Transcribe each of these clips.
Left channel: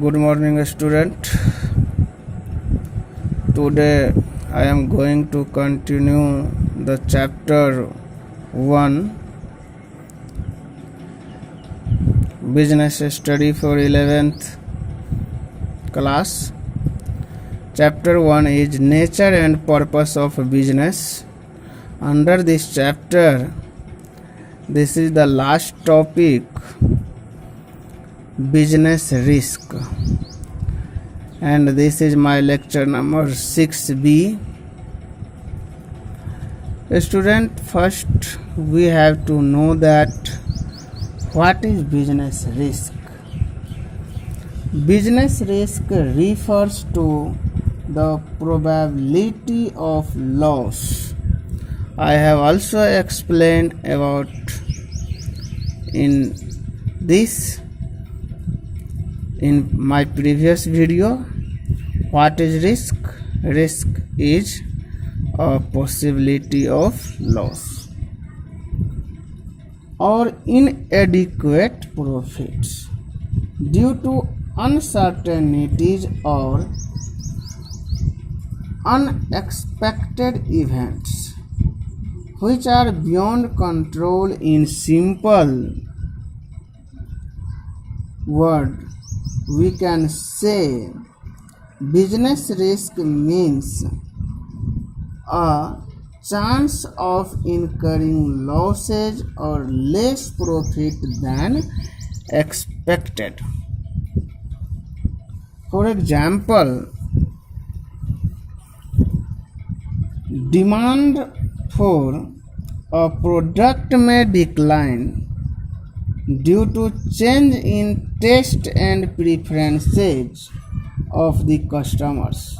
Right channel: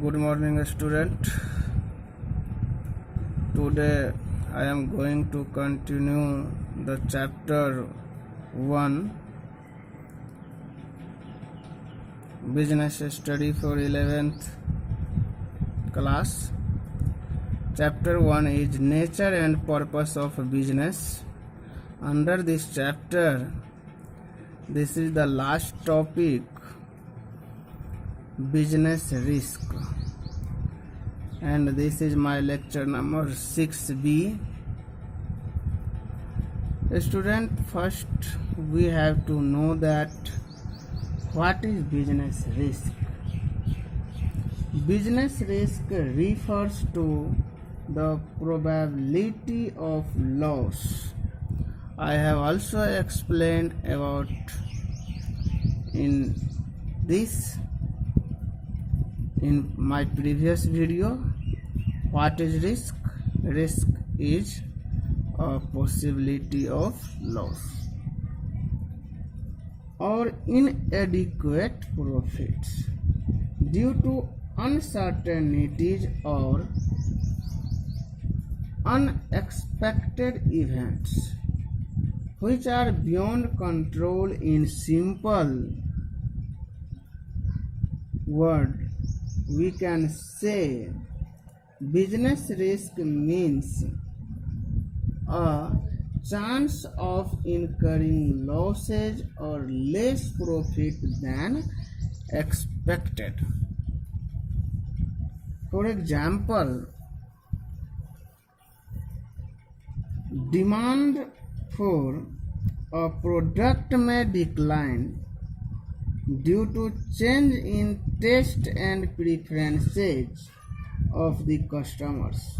Good morning, student. Today I am going to continue the chapter 1 business study for 11th class. Chapter 1 is nature and purpose of business. Under this chapter, this is the last topic, business risk, and this is my lecture number 6B. Student, first we have to know that what is business risk. Business risk refers to the probability of loss. I have also explained about in my previous video. What is risk? Risk is a possibility of loss or inadequate profits due to uncertainties or unexpected events which are beyond control. In simple word, we can say business risk means a chance of incurring losses or less profit than expected. For example, demand for a product may decline due to change in taste and preferences of the customers,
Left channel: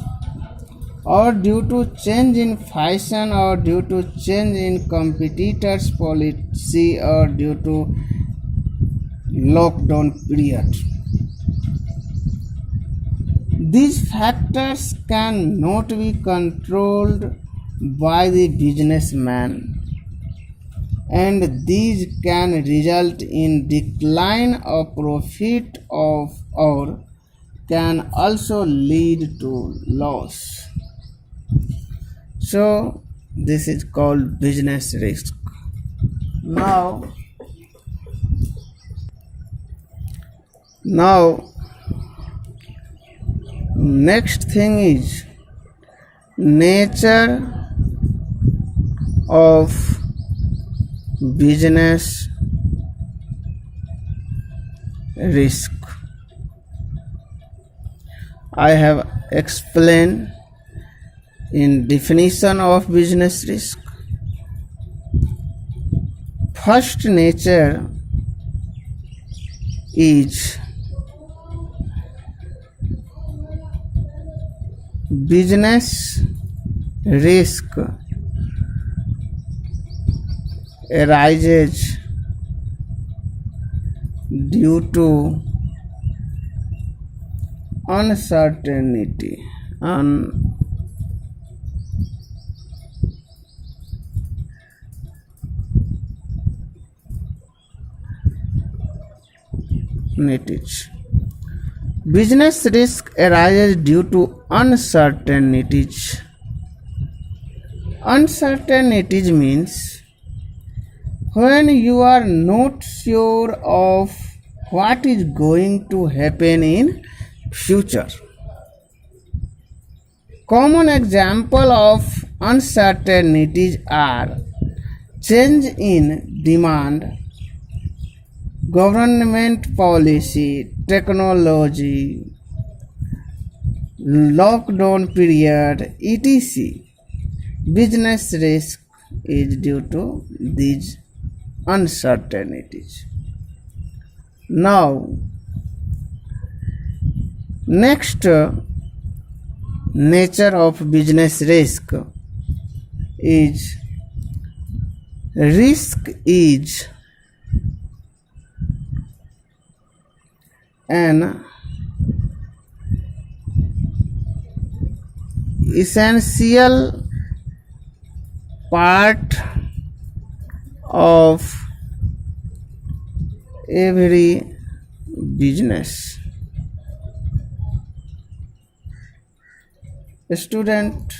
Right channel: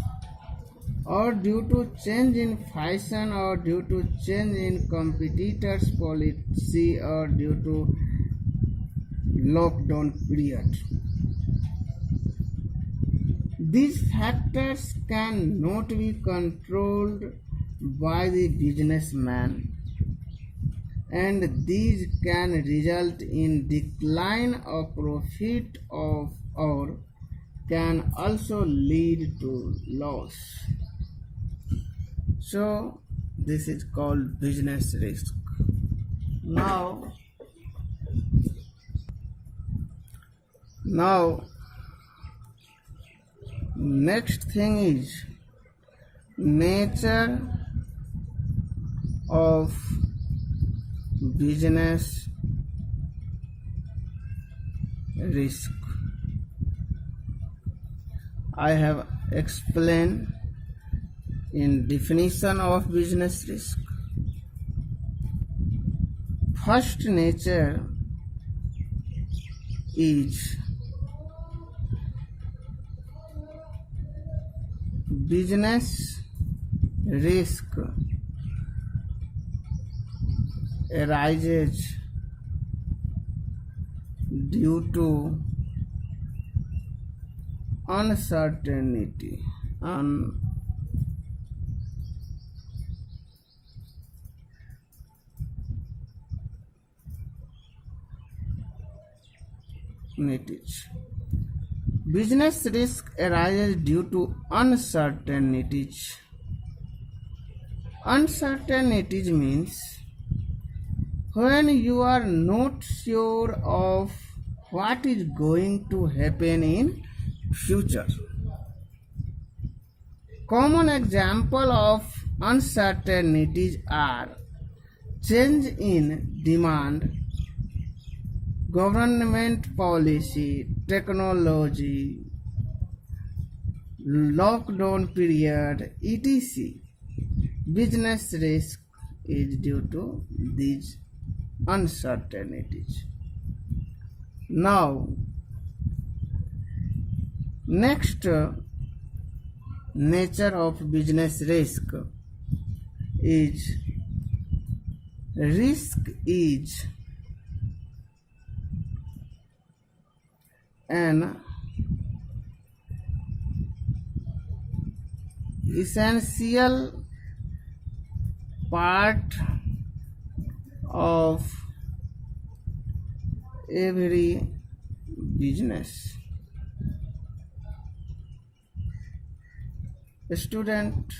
or due to change in fashion, or due to change in competitors' policy, or due to lockdown period. These factors cannot be controlled by the businessman, and these can result in decline of profit or can also lead to loss. So this is called business risk. Now next thing is nature of business risk. I have explained in definition of business risk. First, nature is business risk arises due to uncertainty Business risk arises due to uncertainties. Uncertainties means when you are not sure of what is going to happen in future. Common example of uncertainties are change in demand, government policy, technology, lockdown period, etc. Business risk is due to these uncertainties. Now, next, nature of business risk is an essential part of every business. Student,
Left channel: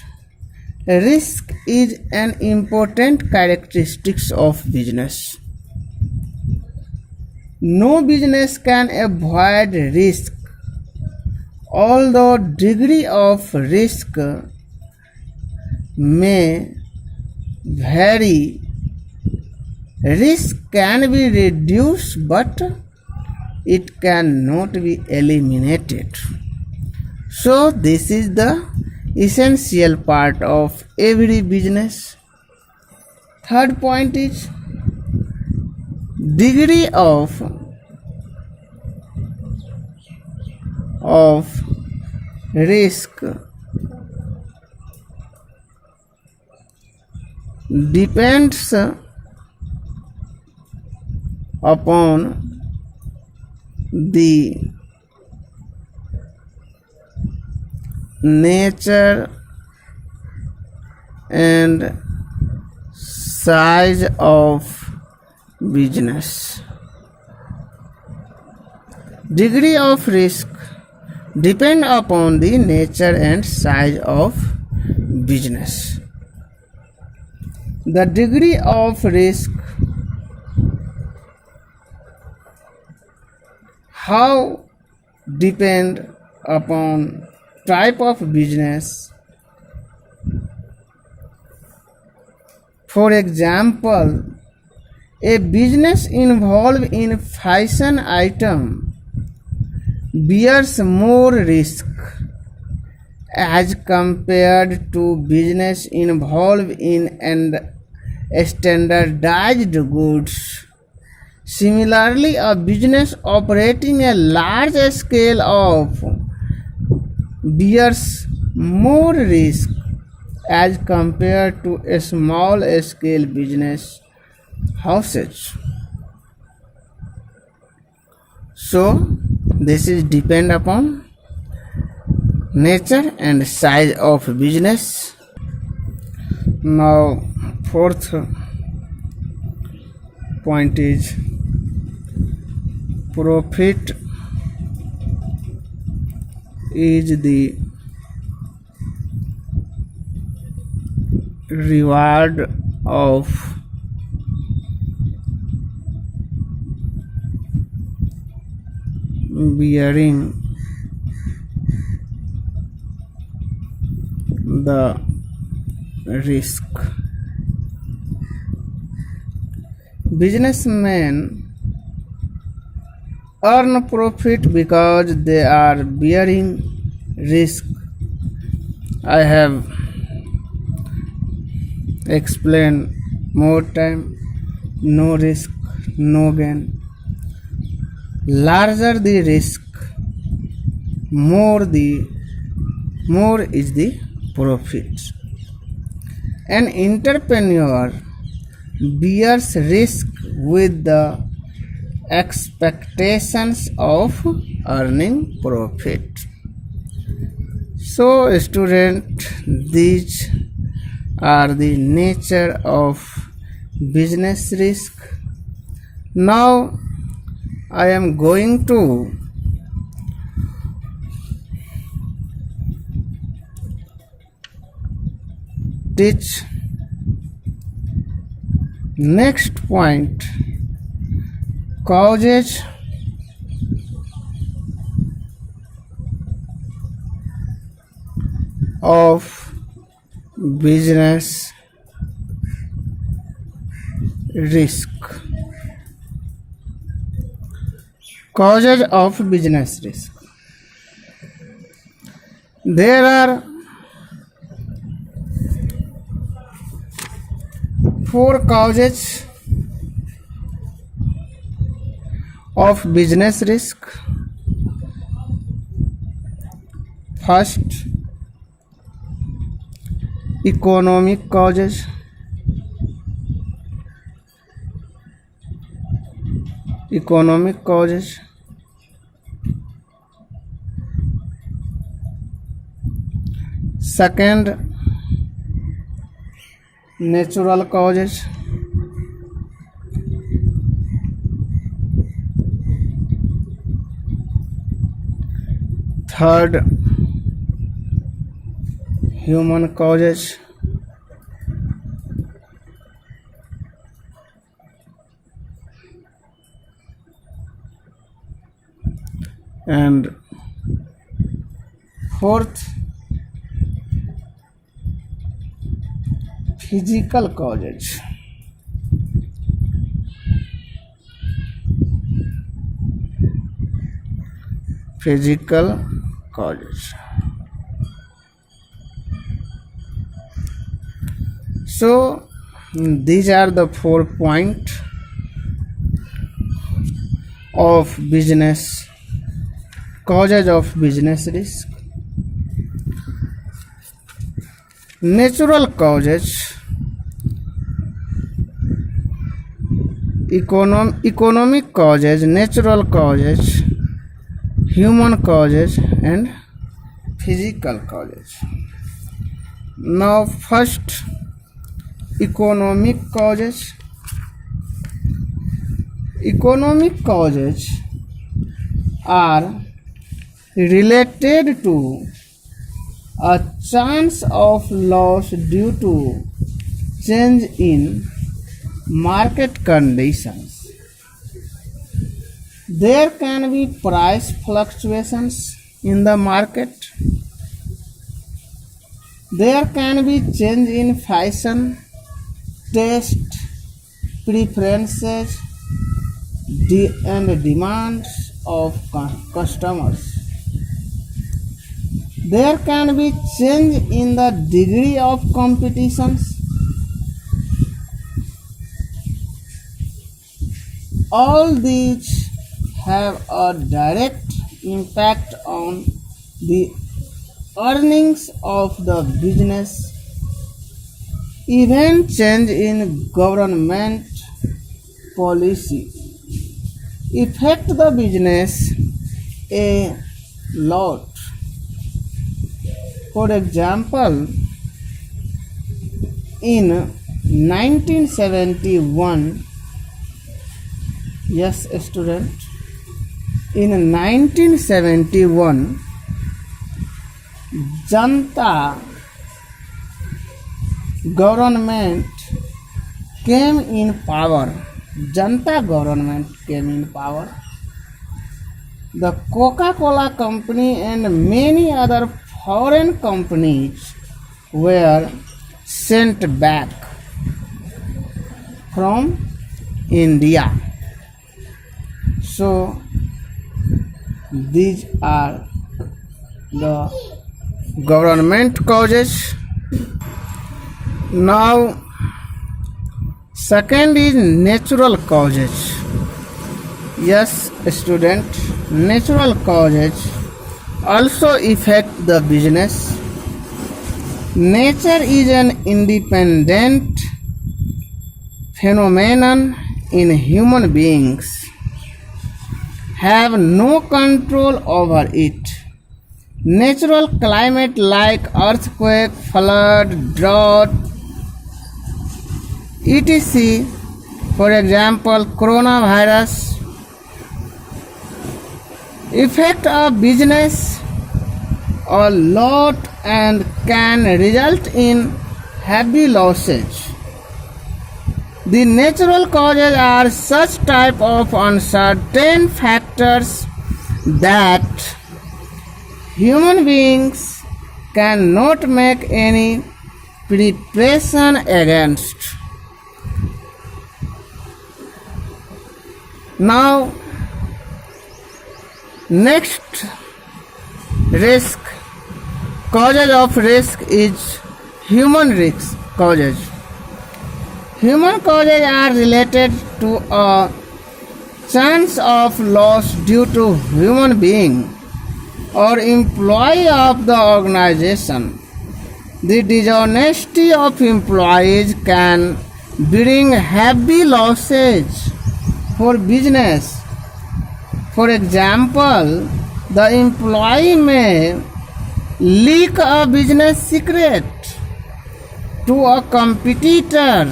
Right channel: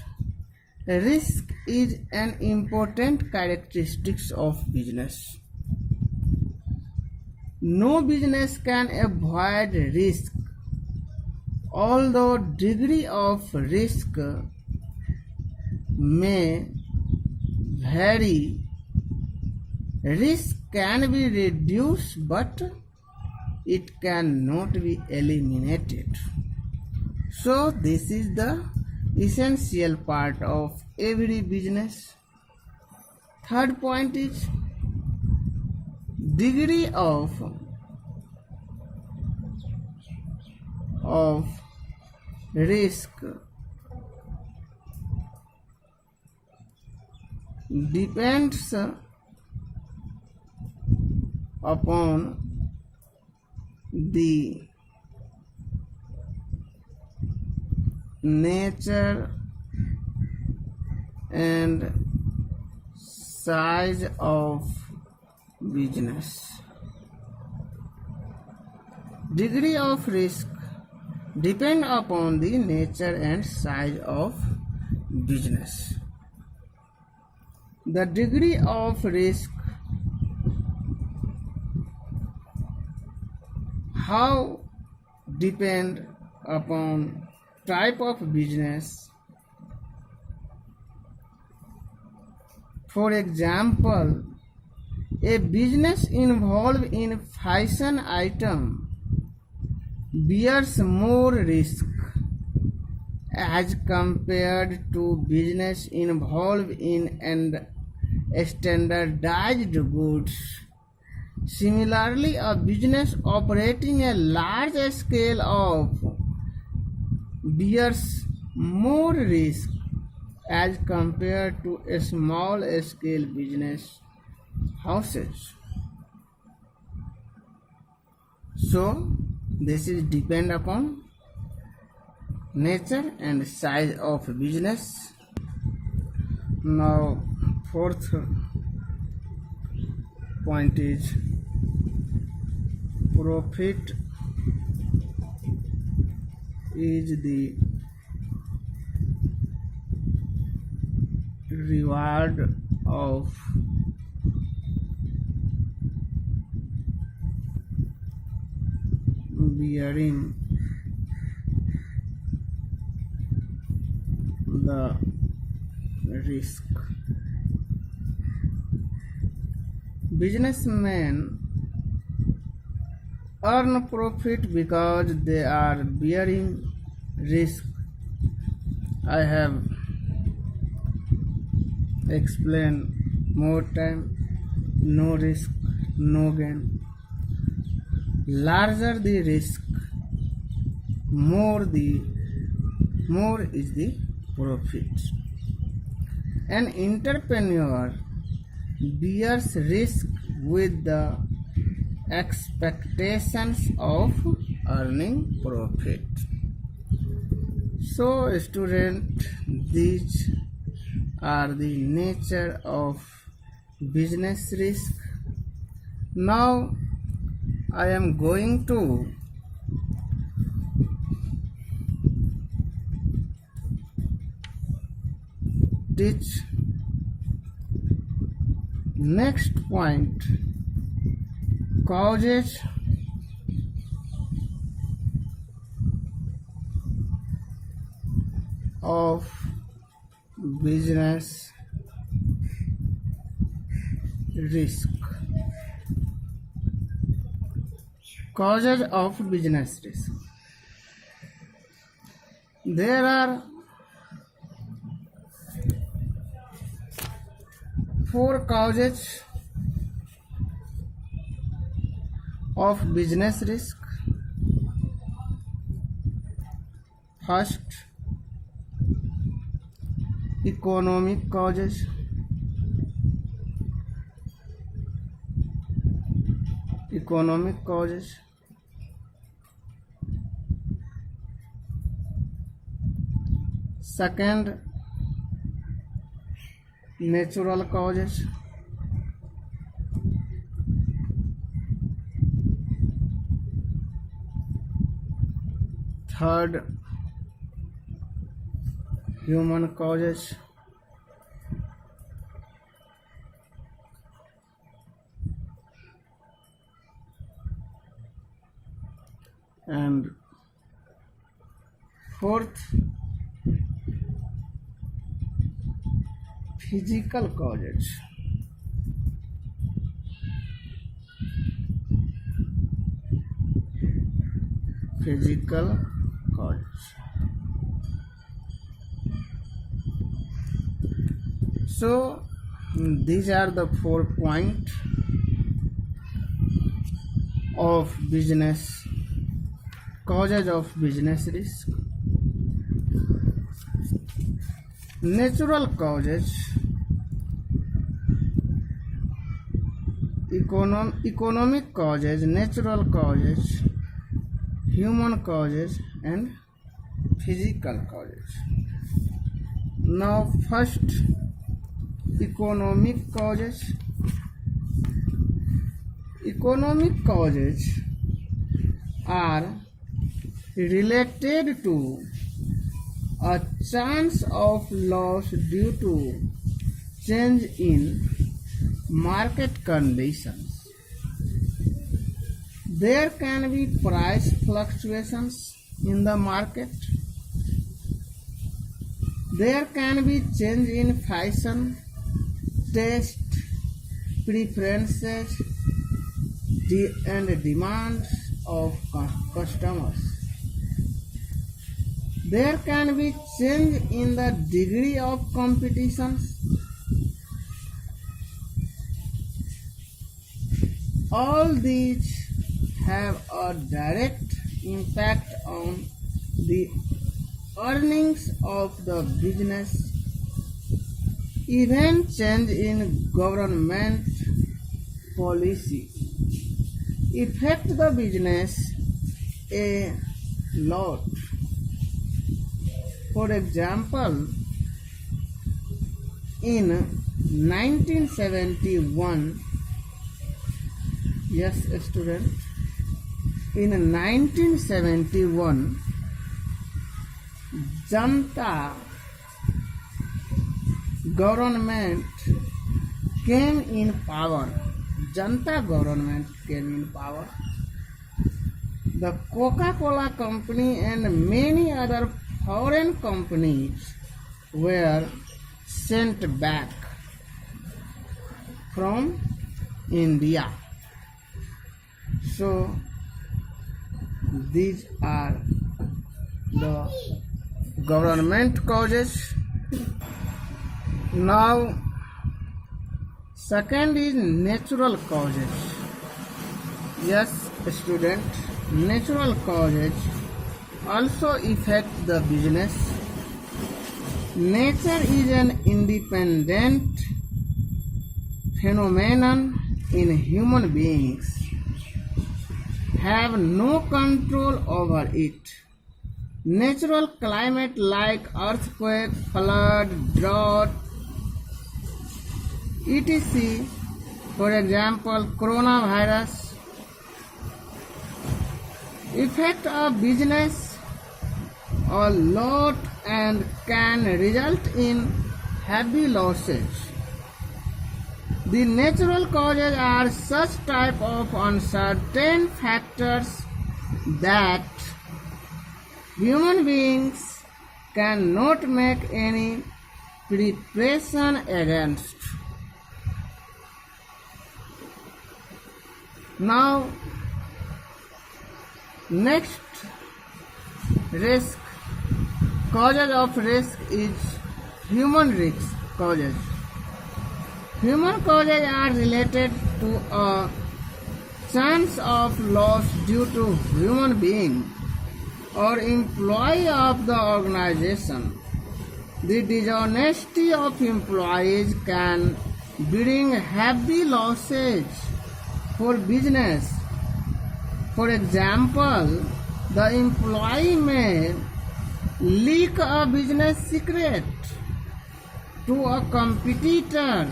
risk is an important characteristic of business. No business can avoid risk, although degree of risk may vary. Risk can be reduced, but it cannot be eliminated. So this is the essential part of every business. Third point is degree of risk depends upon the nature and size of business. Degree of risk depend upon the nature and size of business. The degree of risk, how depend upon type of business. For example, a business involved in fashion item bears more risk as compared to business involved in and standardized goods. Similarly, a business operating a large scale of bears more risk as compared to a small scale business houses. So this is depend upon nature and size of business. Now fourth point is profit is the reward of bearing the risk. Businessmen earn profit because they are bearing risk. I have explained more time. No risk, no gain. Larger the risk, more is the profit. An entrepreneur bears risk with the expectations of earning profit. So student, these are the nature of business risk. Now I am going to teach next point, causes of business risk. Causes of business risk. There are 4 causes of business risk. First, economic causes. Economic causes. Second, natural causes. Third, human causes. And fourth, physical causes. Physical causes. So these are the 4 points of business causes of business risk. Natural causes, economic causes, natural causes, human causes, and physical causes. Now first, economic causes. Economic causes are related to a chance of loss due to change in market conditions. There can be price fluctuations in the market. There can be change in fashion, taste, preferences, and demands of customers. There can be change in the degree of competitions. All these have a direct impact on the earnings of the business. Even change in government policy affect the business a lot. For example, in 1971, yes student, in 1971, Janta government came in power. Janta government came in power. The Coca-Cola company and many other foreign companies were sent back from India. So these are the government causes. Now second is natural causes. Yes student, natural causes also affect the business. Nature is an independent phenomenon in human beings have no control over it. Natural climate like earthquake, flood, drought, etc. For example, coronavirus affect a business a lot and can result in heavy losses. The natural causes are such type of uncertain factors that human beings cannot make any preparation against. Now, next risk, causes of risk is human risk causes. Human causes are related to a chance of loss due to human being or employee of the organization. The dishonesty of employees can bring heavy losses for business. For example, the employee may leak a business secret to a competitor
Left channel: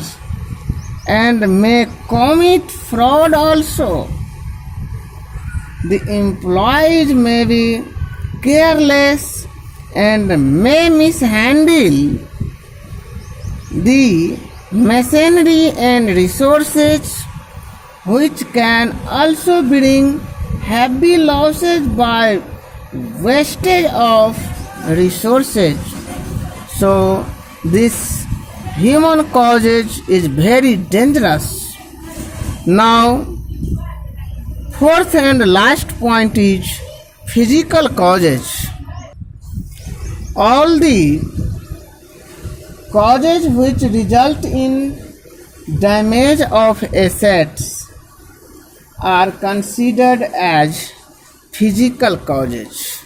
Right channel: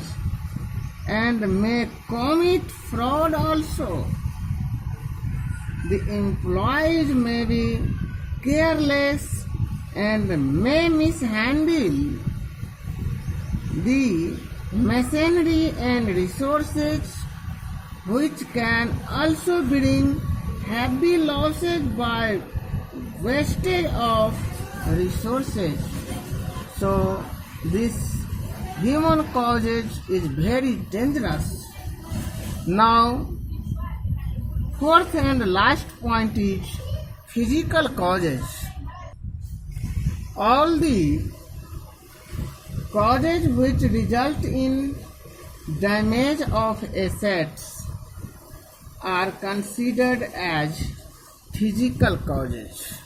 and may commit fraud also. The employees may be careless and may mishandle the machinery and resources, which can also bring heavy losses by wastage of resources. So this human causes is very dangerous. Now, fourth and last point is physical causes. All the causes which result in damage of assets are considered as physical causes.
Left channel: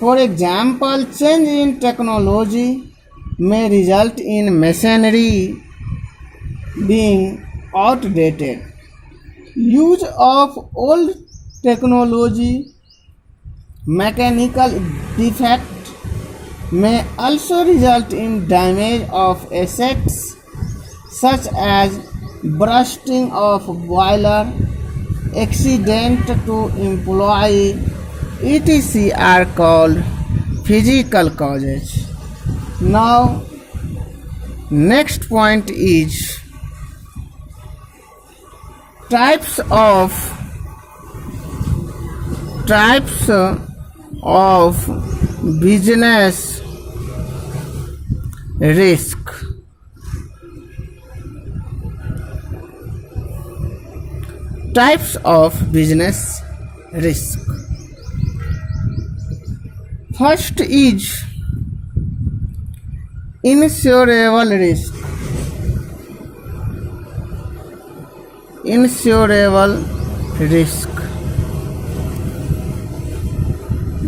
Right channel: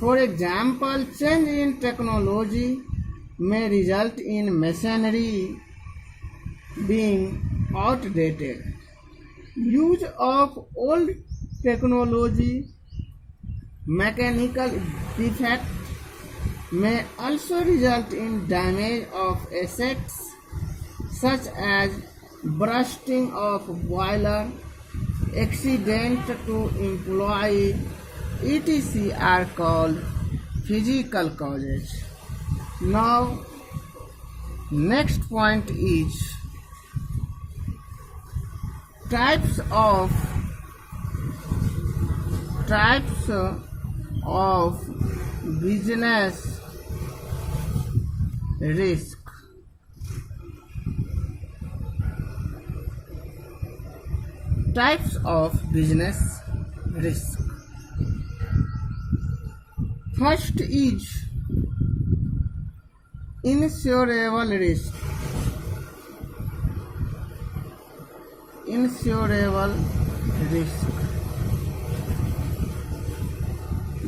For example, change in technology may result in machinery being outdated. Use of old technology, mechanical defect may also result in damage of assets such as bursting of boiler, accident to employee, etc. are called physical causes. Now, next point is types of business risk. Types of business risk. First is insurable risk. Insurable risk.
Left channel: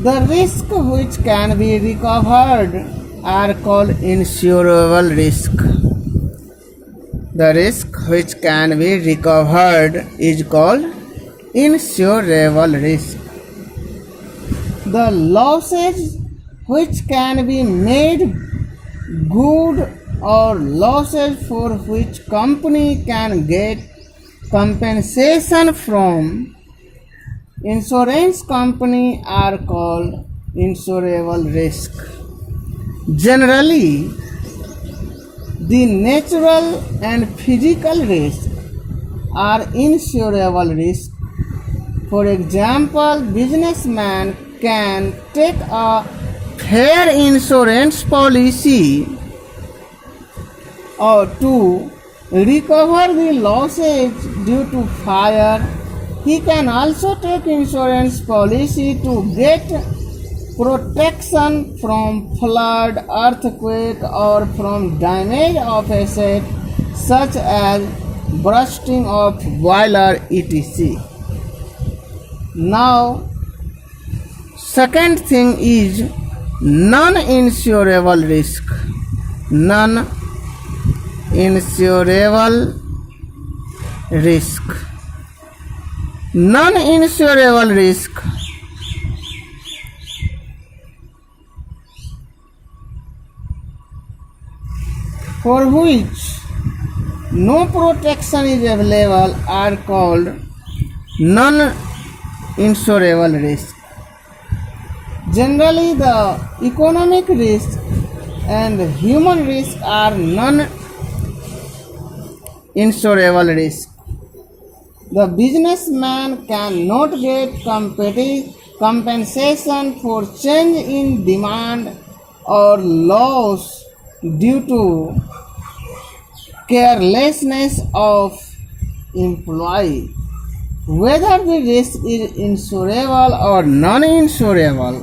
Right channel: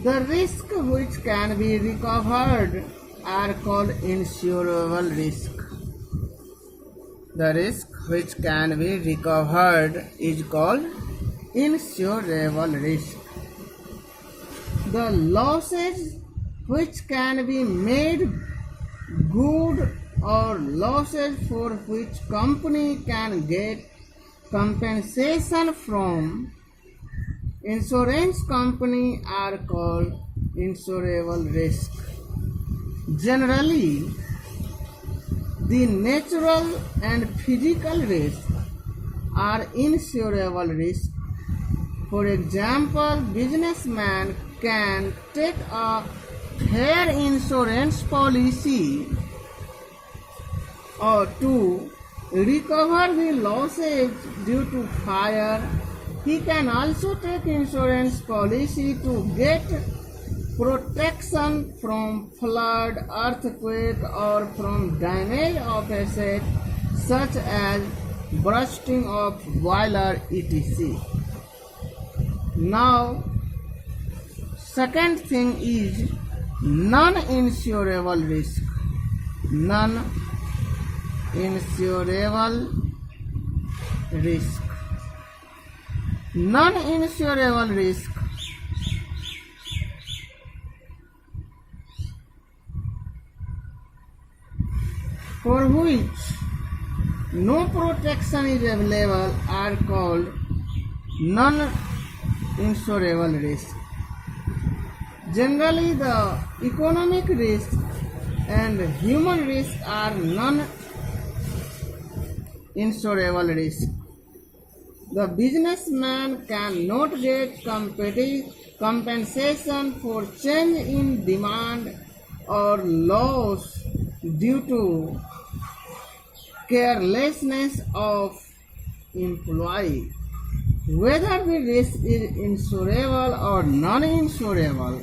The risk which can be recovered are called insurable risk. The risk which can be recovered is called insurable risk. The losses which can be made good or losses for which company can get compensation from insurance company are called insurable risk. Generally, the natural and physical risk are insurable risk. For example, businessman can take a fair insurance policy or to recover the losses due to fire. He can also take insurance policy to get protection from flood, earthquake, or from damage of asset such as bursting of boiler, etc. Now, second thing is non-insurable risk. Non-insurable risk. Non-insurable risk for which no protection is available are called non-insurable risk. Generally, the economic risk and human risk are non-insurable risk. The businessman cannot get compensation for change in demand or loss due to carelessness of employee. Whether the risk is insurable or non-insurable,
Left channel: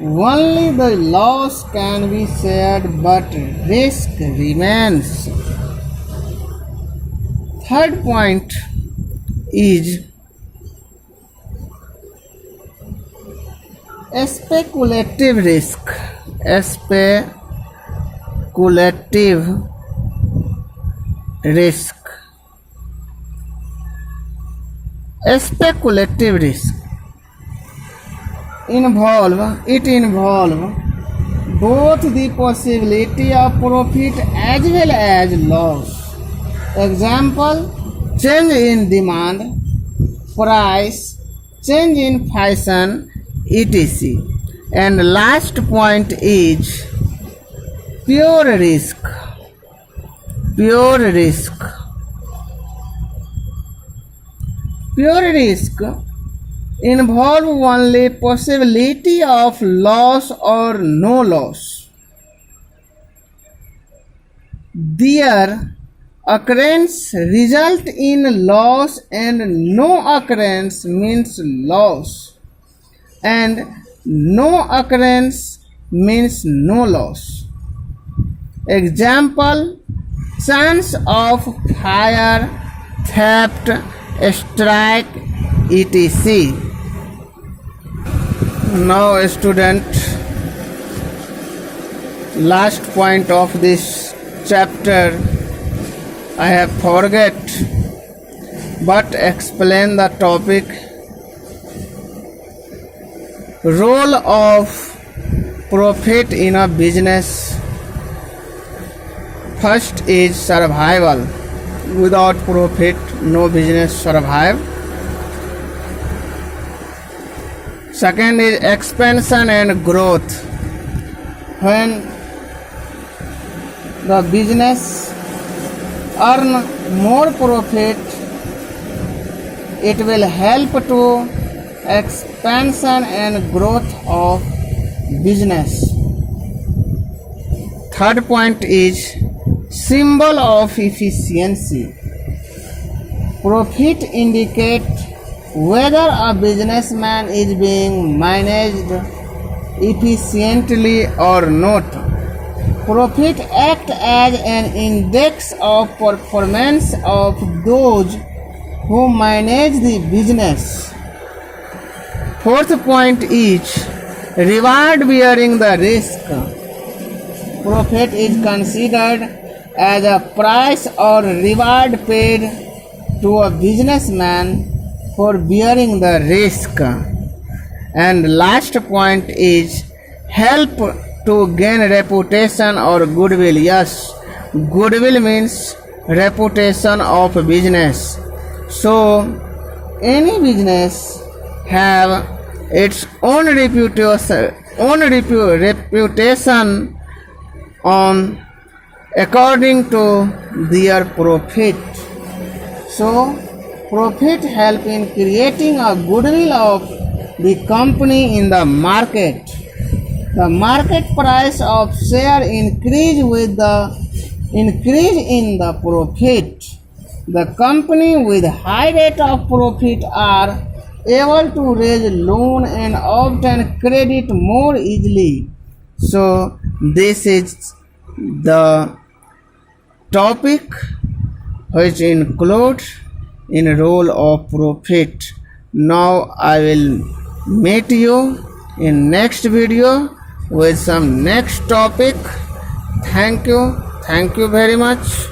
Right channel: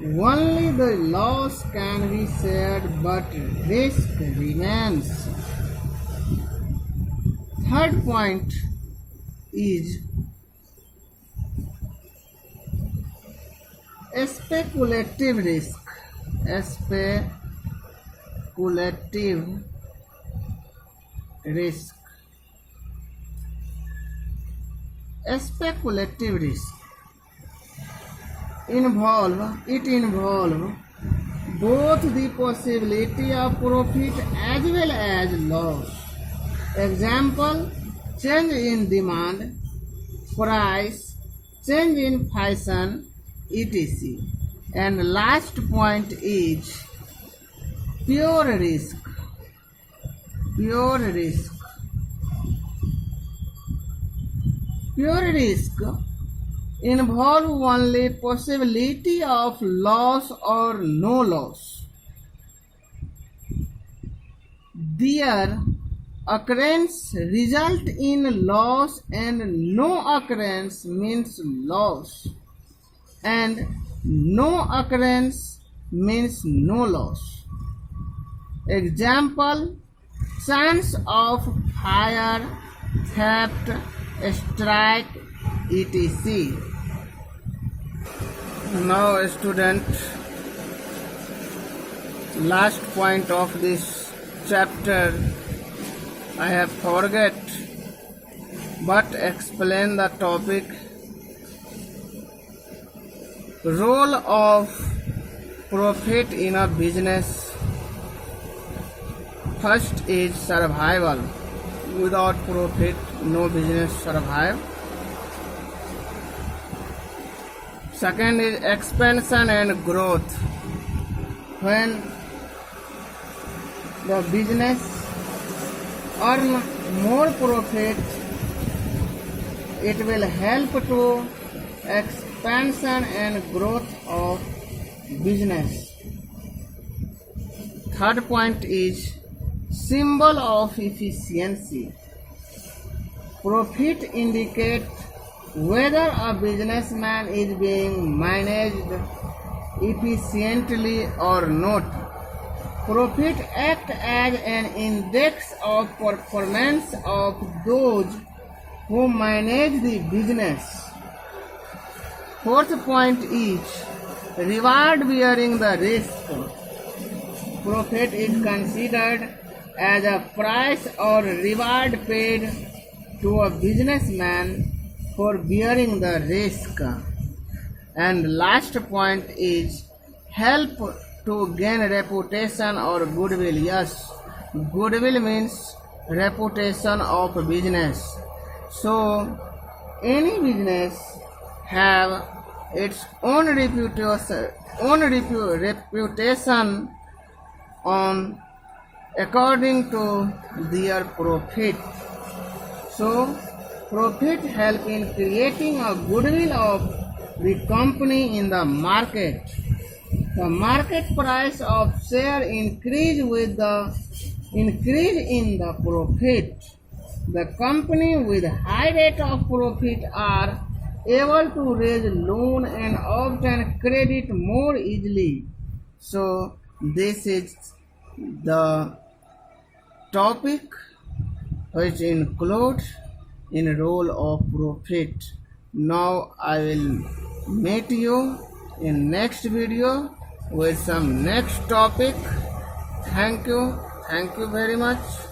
only the loss can be shared, but risk remains. Third point is speculative risk. Speculative risk. Speculative risk involve both the possibility of profit as well as loss. Example, change in demand price, change in fashion, etc. And last point is pure risk. Pure risk. Pure risk involve only possibility of loss or no loss. Their occurrence result in loss and no occurrence means loss, and no occurrence means no loss. Example: chance of fire, theft, strike, etc. Now student, last point of this chapter I have forget, but explain the topic. Role of profit in a business. First is survival. Without profit, no business survive. Second is expansion and growth. When the business earn more profit, it will help to expansion and growth of business. Third point is symbol of efficiency. Profit indicate whether a businessman is being managed efficiently or not. Profit act as an index of performance of those who manage the business. Fourth point is reward bearing the risk. Profit is considered as a price or reward paid to a businessman for bearing the risk. And last point is help to gain reputation or goodwill. Yes, goodwill means reputation of business. So any business have its own reputation on according to their profit. So profit help in creating a goodwill of the company in the market. The market price of share increase with the increase in the profit. The company with high rate of profit are able to raise loan and obtain credit more easily. So this is the topic which includes in role of profit. Now I will meet you in next video with some next topic. Thank you very much.